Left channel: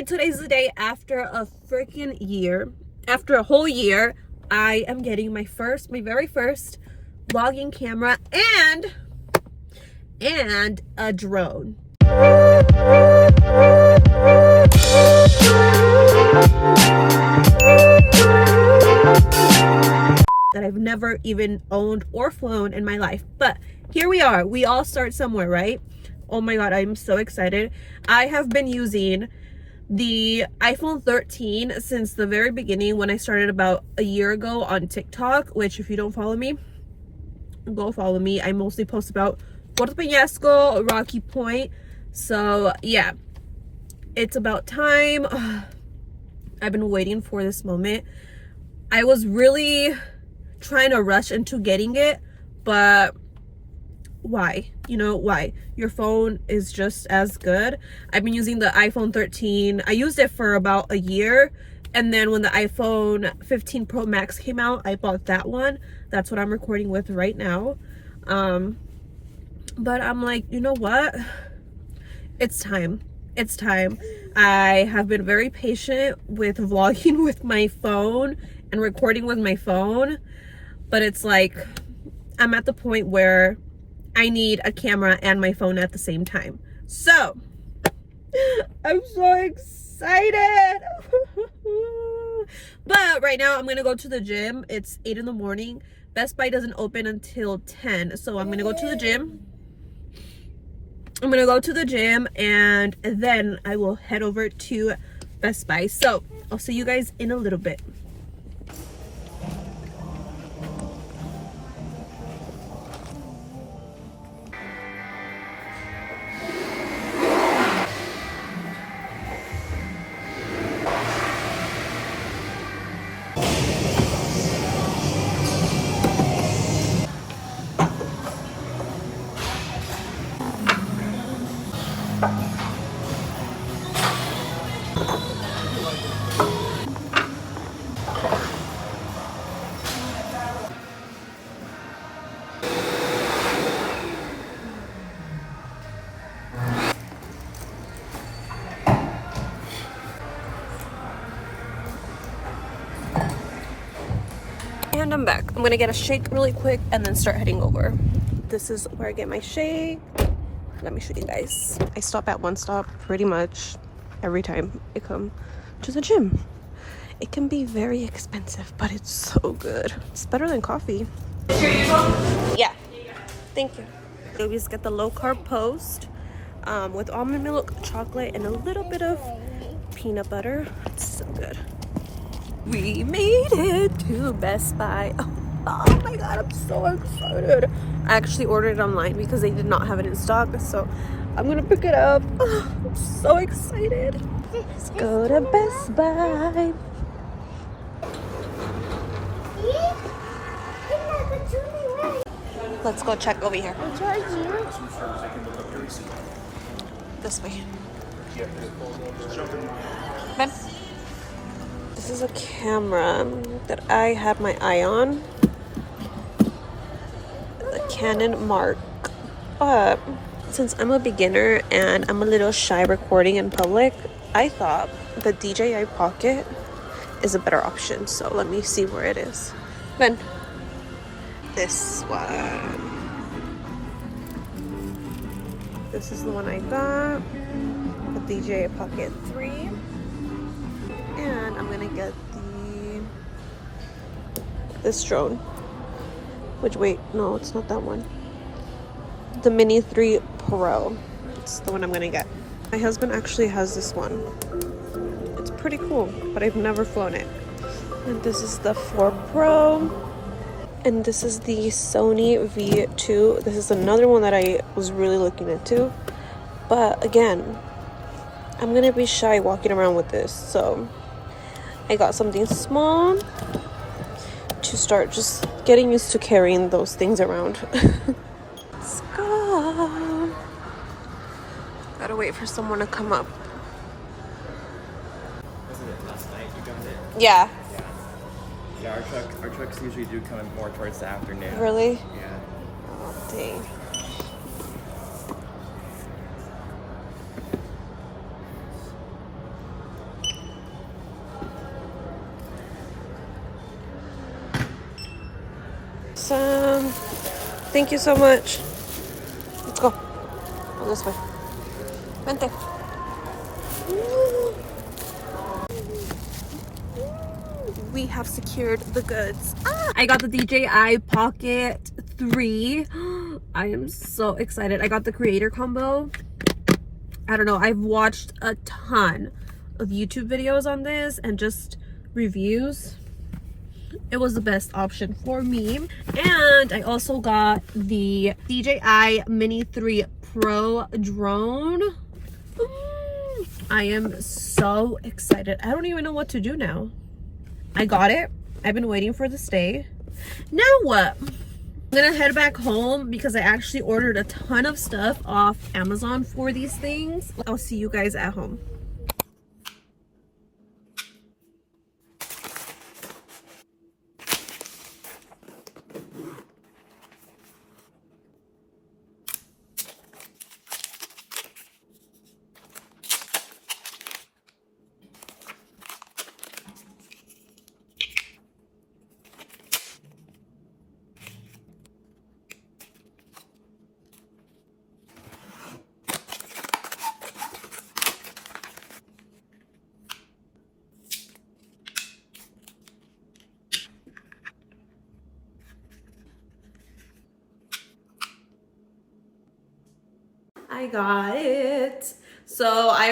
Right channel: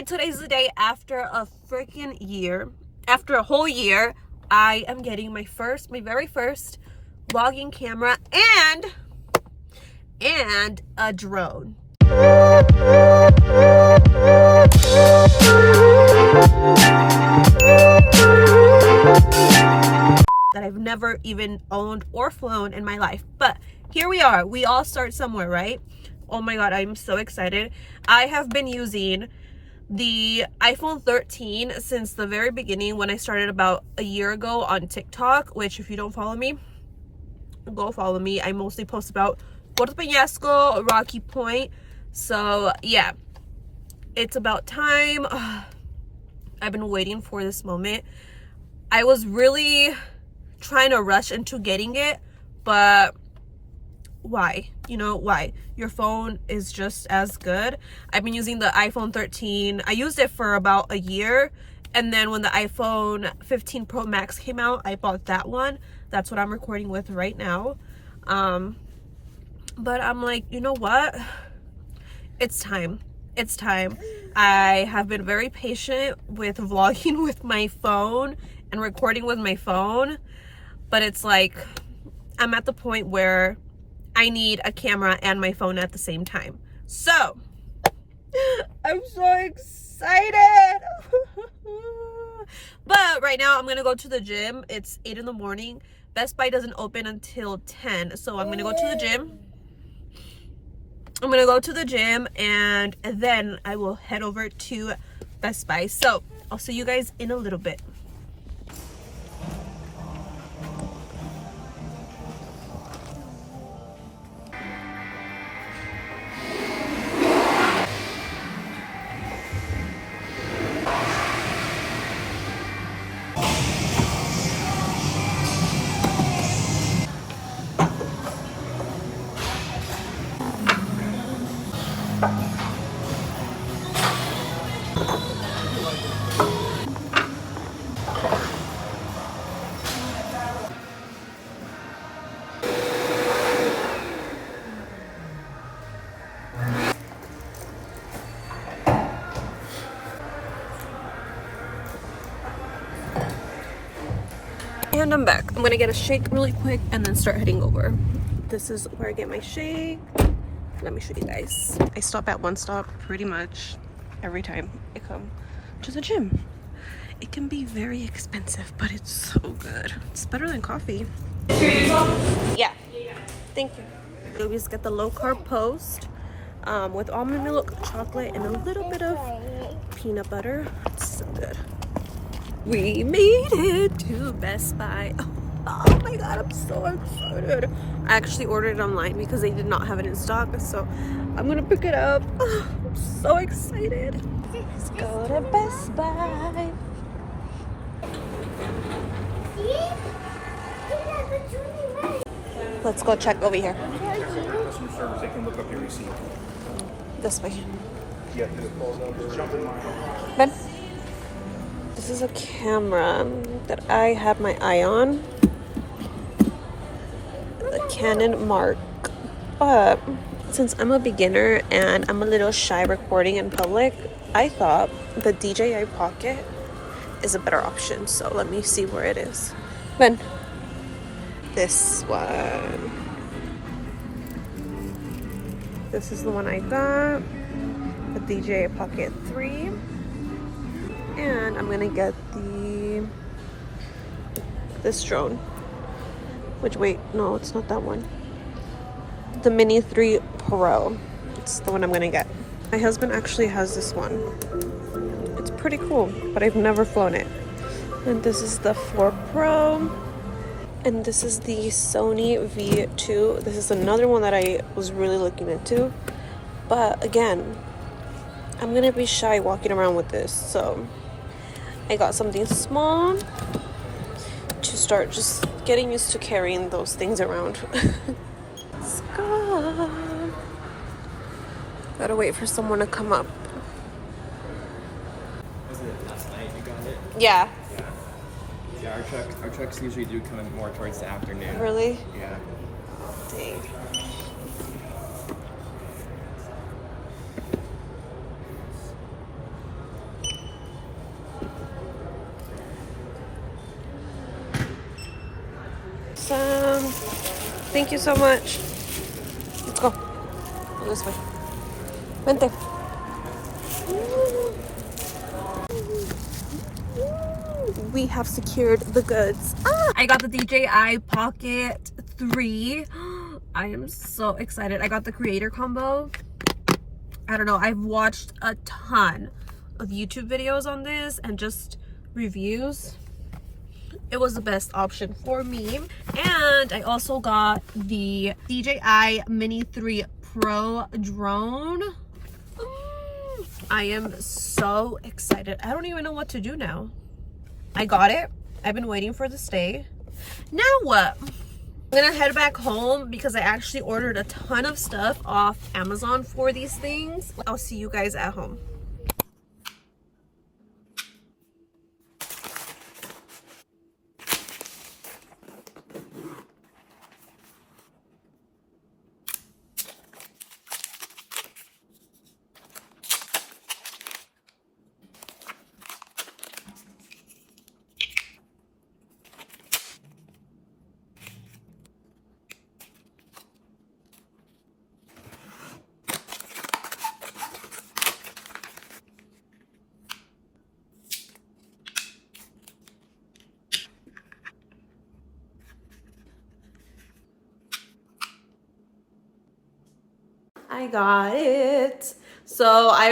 Okay, today's the day after a freaking year. After a whole year, I am getting my very first vlogging camera and a drone. That I've never even owned or flown in my life. But here we are. We all start somewhere, right? Oh my god, I'm so excited. I have been using the iPhone 13 since the very beginning when I started about a year ago on TikTok, which if you don't follow me, go follow me. I mostly post about Puerto Peñasco, Rocky Point. So yeah, it's about time. I've been waiting for this moment. I was really trying to rush into getting it, but why? You know why? Your phone is just as good. I've been using the iPhone 13. I used it for about a year, and then when the iPhone 15 Pro Max came out, I bought that one. That's what I'm recording with right now. But I'm like, you know what? It's time. It's time. I have been very patient with vlogging with my phone and recording with my phone, but it's like I'm at the point where I need a camera and my phone at the same time. So I'm so excited. But right now I'm gonna go to the gym. It's 8 in the morning. Best Buy doesn't open until 10, so I'm gonna go to the gym. And then I will head over to Best Buy. So I'll see you guys in a little bit. And I'm back. I'm gonna get a shake really quick and then start heading over. This is where I get my shake. Let me show you guys. I stop at one stop pretty much every time I come to the gym. It can be very expensive, but it's so good. It's better than coffee. Yeah. Thank you. We always get the low carb post with almond milk, chocolate, and a little bit of peanut butter. It's so good. We made it to Best Buy. Oh my god, I'm so excited. I actually ordered it online because they did not have it in stock, so I'm gonna pick it up. I'm so excited. Let's go to Best Buy. Let's go check over here. This way. Ben? This is a camera that I had my eye on. The Canon Mark. But since I'm a beginner and I'm a little shy recording in public, I thought the DJI Pocket is a better option. So let me see where it is. Ben. This one. This is the one I got. The DJI Pocket 3. And I'm gonna get this drone. Which, wait, no, it's not that one. The Mini 3 Pro. It's the one I'm gonna get. My husband actually has this one. It's pretty cool, but I've never flown it. And this is the 4 Pro. And this is the Sony V2. This is another one that I was really looking into. But again, I'm gonna be shy walking around with this, so I got something small to start just getting used to carrying those things around. Let's go. Gotta wait for someone to come up. Wasn't it last night you got it? Yeah. Yeah, our trucks usually do come in more towards the afternoon. Really? Yeah. Oh, dang. awesome. Thank you so much. Let's go. Go this way. Vente. We have secured the goods. I got the DJI Pocket 3. I am so excited. I got the creator combo. I don't know. I've watched a ton of YouTube videos on this and just reviews. It was the best option for me. And I also got the DJI Mini 3 Pro drone. I am so excited. I don't even know what to do now. I got it. I've been waiting for this day. Now what? I'm gonna head back home because I actually ordered a ton of stuff off Amazon for these things. I'll see you guys at home. I got it. So I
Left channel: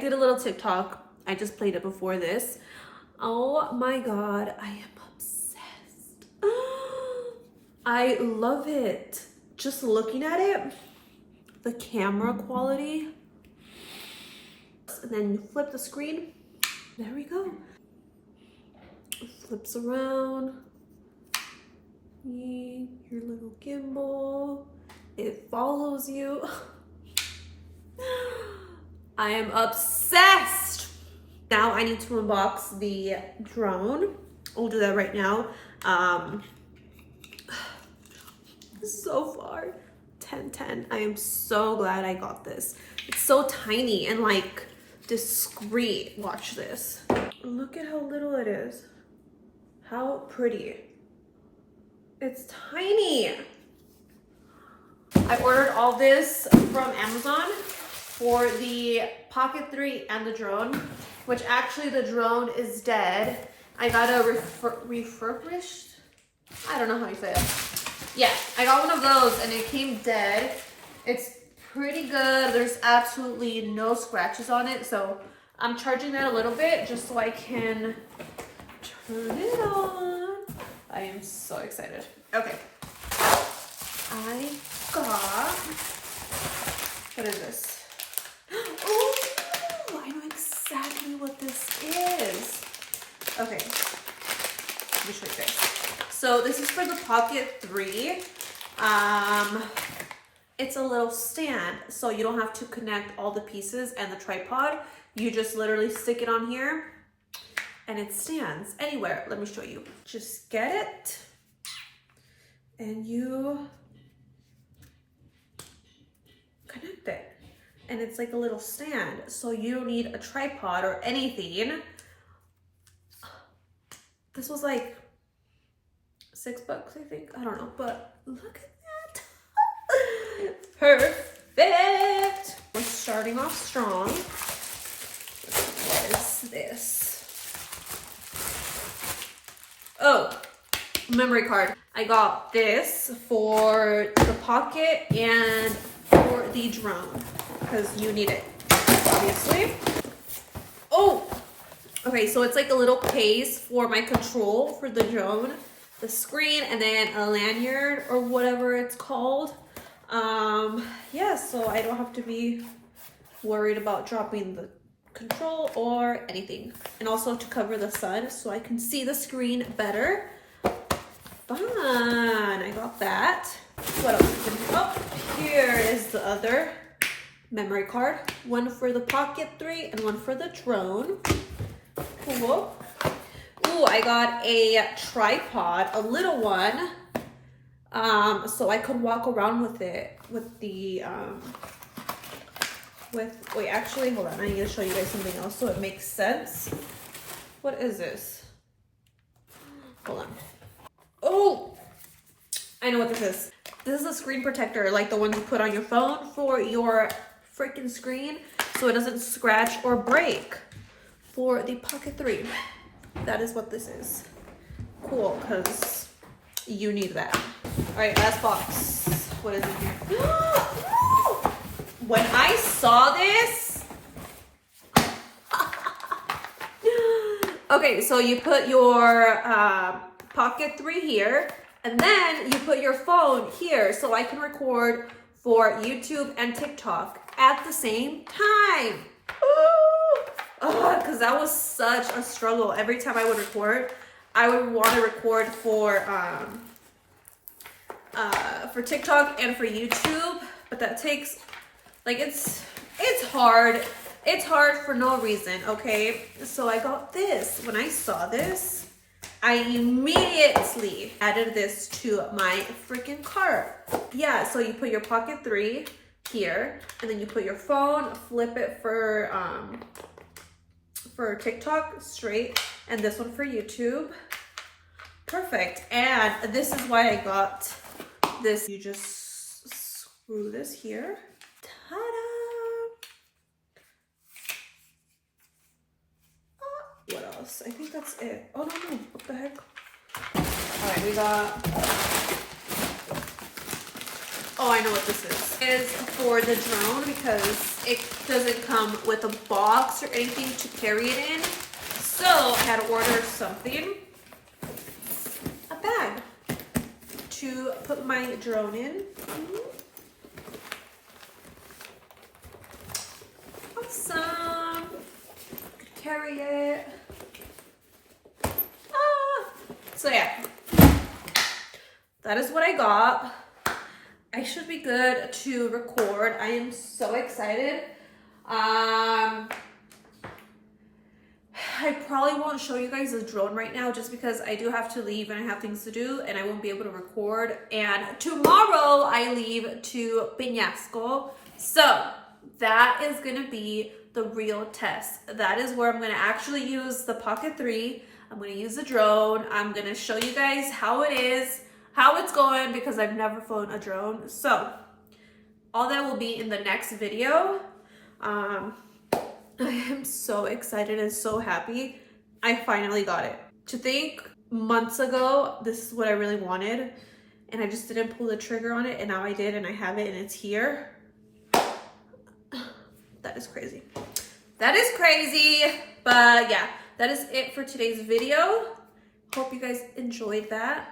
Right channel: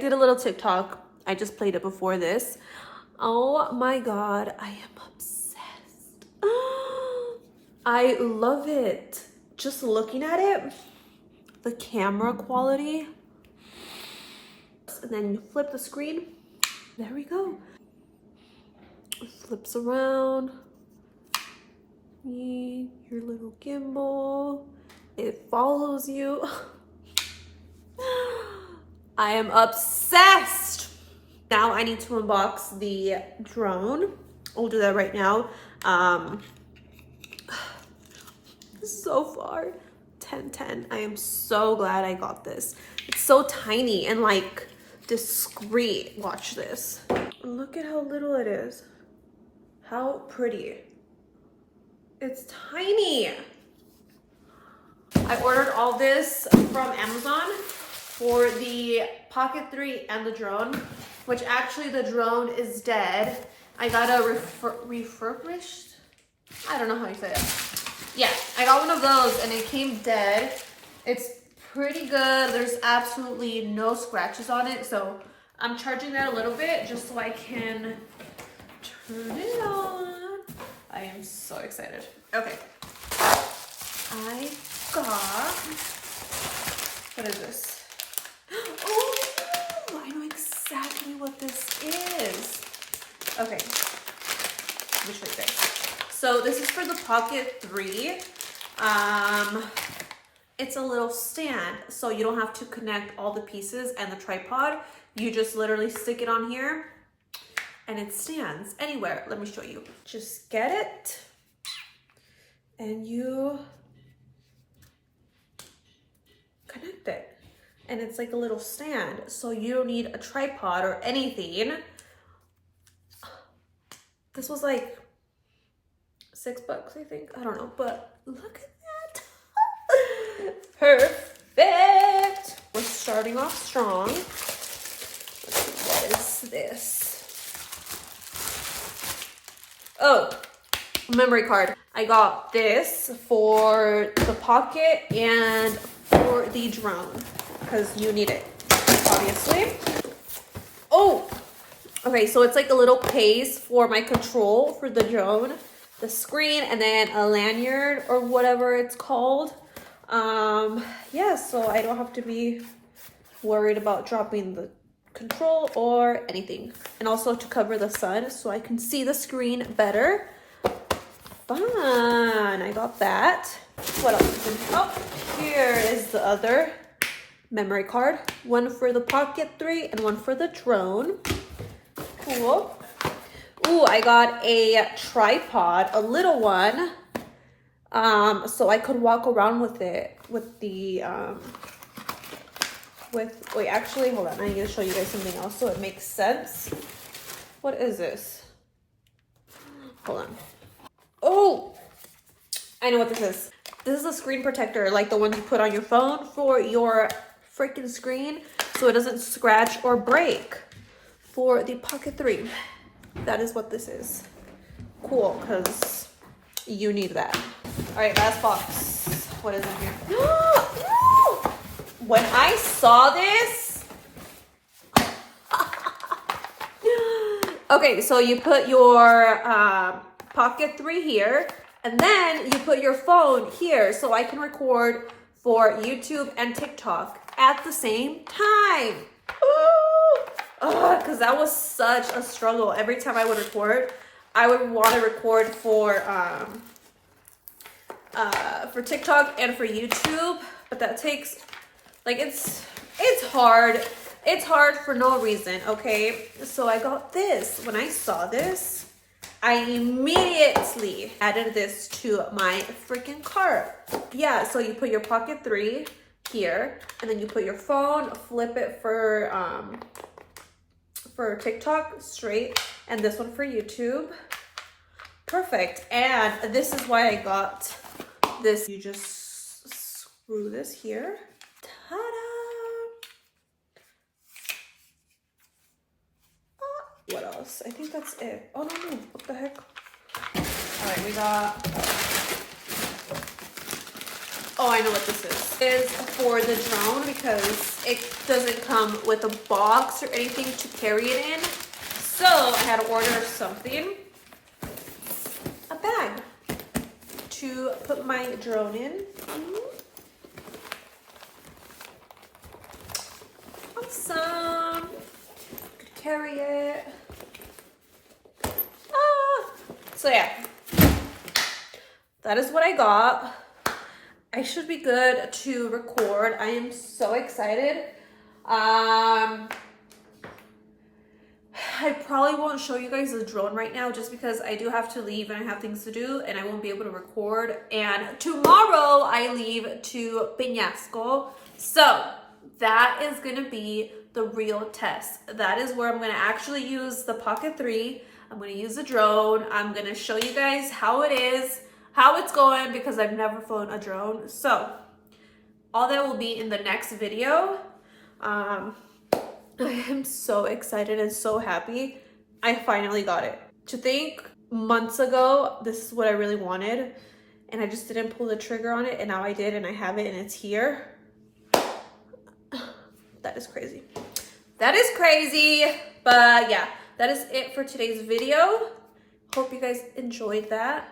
did a little TikTok. I just played it before this. Oh my God, I am obsessed. I love it. Just looking at it, the camera quality. And then you flip the screen. There we go. It flips around. Your little gimbal. It follows you. I am obsessed. Now I need to unbox the drone. I'll do that right now. So far, 10/10. I am so glad I got this. It's so tiny and like discreet. Watch this. Look at how little it is. How pretty. It's tiny. I ordered all this from Amazon for the Pocket 3 and the drone, which actually the drone is dead. I got a refurbished, I don't know how you say it. Yeah, I got one of those and it came dead. It's pretty good. There's absolutely no scratches on it. So I'm charging that a little bit just so I can turn it on. I am so excited. Okay. I got, what is this? Oh, I know exactly what this is. Okay, let me show you guys. So this is for the Pocket 3. It's a little stand, so you don't have to connect all the pieces and the tripod. You just literally stick it on here and it stands anywhere. Let me show you. Just get it and you connect it. And it's like a little stand, so you don't need a tripod or anything. This was like $6, I think. I don't know, but look at that. Perfect. We're starting off strong. What is this? Oh, memory card. I got this for the Pocket and for the drone because you need it, obviously. Oh, okay, so it's like a little case for my control for the drone, the screen, and then a lanyard or whatever it's called. Yeah, so I don't have to be worried about dropping the control or anything. And also to cover the sun so I can see the screen better. Fun, I got that. What else? Oh, here is the other memory card. One for the Pocket 3 and one for the drone. Cool. Ooh, I got a tripod, a little one. So I could walk around with it with the wait, actually, hold on. I need to show you guys something else so it makes sense. What is this? Hold on. Oh, I know what this is. This is a screen protector, like the ones you put on your phone for your freaking screen so it doesn't scratch or break. For the Pocket 3. That is what this is. Cool, because you need that. All right, last box. What is in here? When I saw this, okay, so you put your Pocket 3 here, and then you put your phone here so I can record for YouTube and TikTok at the same time. Because that was such a struggle. Every time I would record, I would want to record for TikTok and for YouTube, but that takes, like, it's hard. It's hard for no reason, okay? So I got this. When I saw this, I immediately added this to my freaking cart. Yeah, so you put your Pocket 3 here, and then you put your phone, flip it for TikTok straight, and this one for YouTube. Perfect. And this is why I got this. You just screw this here. Ta-da! What else? I think that's it. Oh no, what the heck? All right, we got, oh, I know what this is. It is for the drone because it doesn't come with a box or anything to carry it in. So I had to order something, a bag to put my drone in. Awesome. Could carry it. So yeah, that is what I got. I should be good to record. I am so excited. I probably won't show you guys the drone right now just because I do have to leave and I have things to do and I won't be able to record. And tomorrow I leave to Peñasco. So that is gonna be the real test. That is where I'm gonna actually use the Pocket 3. I'm gonna use the drone. I'm gonna show you guys how it is, how it's going, because I've never flown a drone. So all that will be in the next video. I am so excited and so happy. I finally got it. To think months ago, this is what I really wanted, and I just didn't pull the trigger on it, and now I did, and I have it, and it's here. That is crazy. That is crazy, but yeah, that is it for today's video. Hope you guys enjoyed that.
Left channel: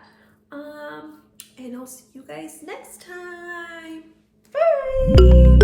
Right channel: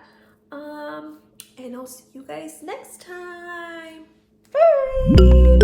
And I'll see you guys next time. Bye.